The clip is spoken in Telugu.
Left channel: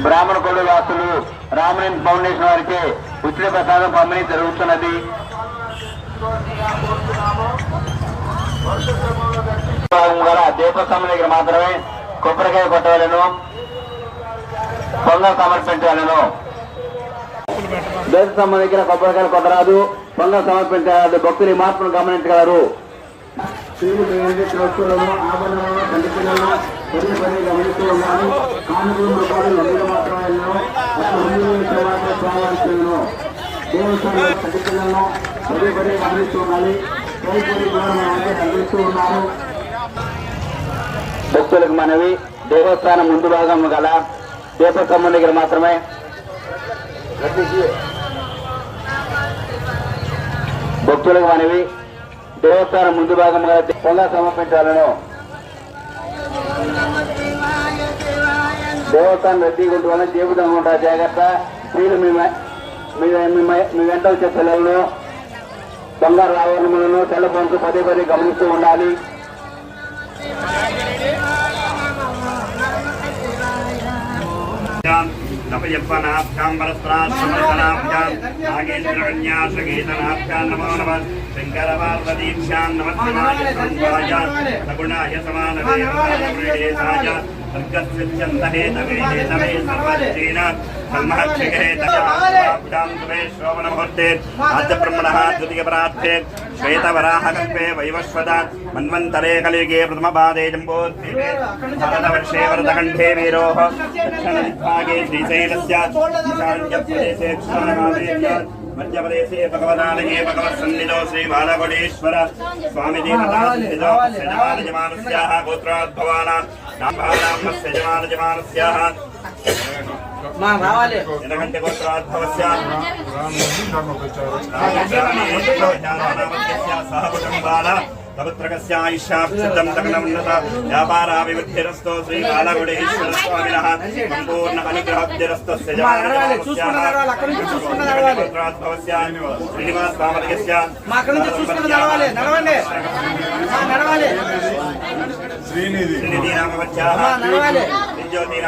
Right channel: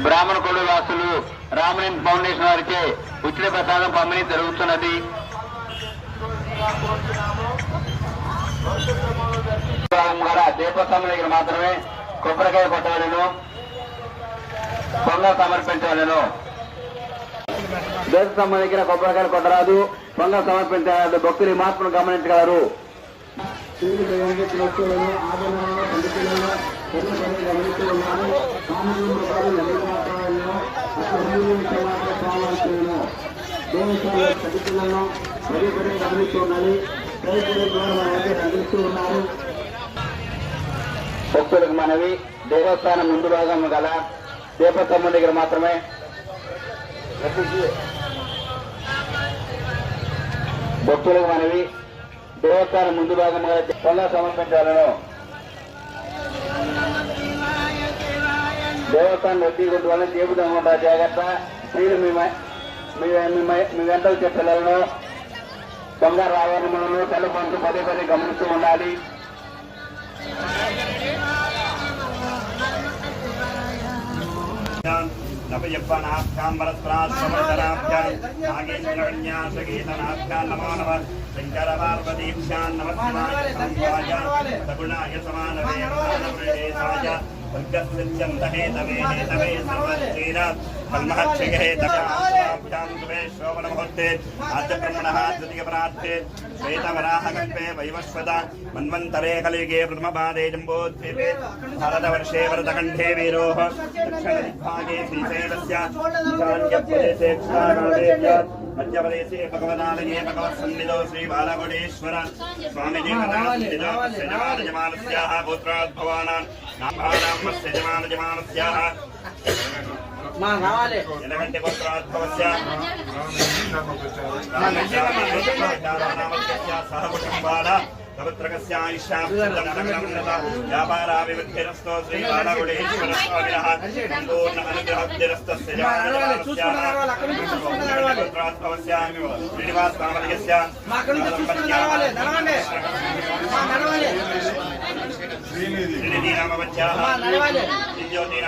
బ్రాహ్మణ కుల వాసులు రామలింగ ఫౌండేషన్ వారిచే ఉచిత ప్రసాదం పంపిణీ జరుగుతున్నది. దీపస్తంభం దగ్గర మాత్రమే కొబ్బరికాయ కొట్టవలను పొంగ సమర్పించాలను. దేశస్తంభం దగ్గర కొబ్బరికాయలు కొట్టరాదు పొంగ సమర్పించాలి భక్తులు మార్పును గమనించగలరు. ఆభరణాలను పదే పదే కొన్ని కొన్ని గమనిస్తూ ఉన్నాను. కానుకలు రూపాయలు అందరూ మాత్రమే అసలు హిందువులు ఇక్కడ మాత్రమే స్వామించను దేవస్థానంలో కంటి పదే పదే గమనిస్తూ ఉన్నాయి రైతులు కూడా అందిస్తూ ఉన్నారు భక్తులకు మనవి దేవస్థానం ముందు భాగం గల దీపస్తంభం దగ్గర మాత్రమే. భక్తులకు మనవి దేవస్థానం ముందు భాగం గల పొంగా సమర్పించాలను. దేవస్థానం రద్దీ గుంటు వల్ల జీవితం జాగ్రత్త. మీరు మీ మీ మీ వెంట వచ్చే పిల్లలను బంగారు ఆవరణలను తెల్ల పొందు పదే పదే గమనిస్తూ ఉండాలి. నవయవ్వనాభ్యాం వరస్త్రాశ్రమణాభ్యాం నాగేంద్రకన్యాసగీతనాభ్యాం నమో నమ శంకరపార్వతీభ్యాం నమస్కాయ సంవాయ సగుణాయ र्गस्यच्छन्तने तवे तवे तेन कल्महक्षिगहे तवे शोभनमुहूर्ते आद्यब्रह्मणः द्वितीयपरार्थे श्वेतवराहकल्पे वैवस्वत मन्वन्तरे कलियुगे प्रथमपादे जम्बोद्दीपे भारतवर्षे वरदकण्ठे वीरोः दक्षिणविभागे श्रीशैलस्य ईशान्यप्रदेशे मध्यप्रदेशे भगवदालये भगवत्सन्निधो श्रीबालकोटेश्वर स्वामिदेवता गोत्राद्भवानाम् బ్రహ్మస్య జమానజమానస్యాహ ఎనగంటి గోత్రాద్భవస్య వ్యాపారాభివృద్ధిరస్తో శ్రీ బాలగుడేశ్వరస్వామినః సంపూర్ణ అనుగ్రహద్ధిరస్తస్య నడవాలి. శ్రీనిధి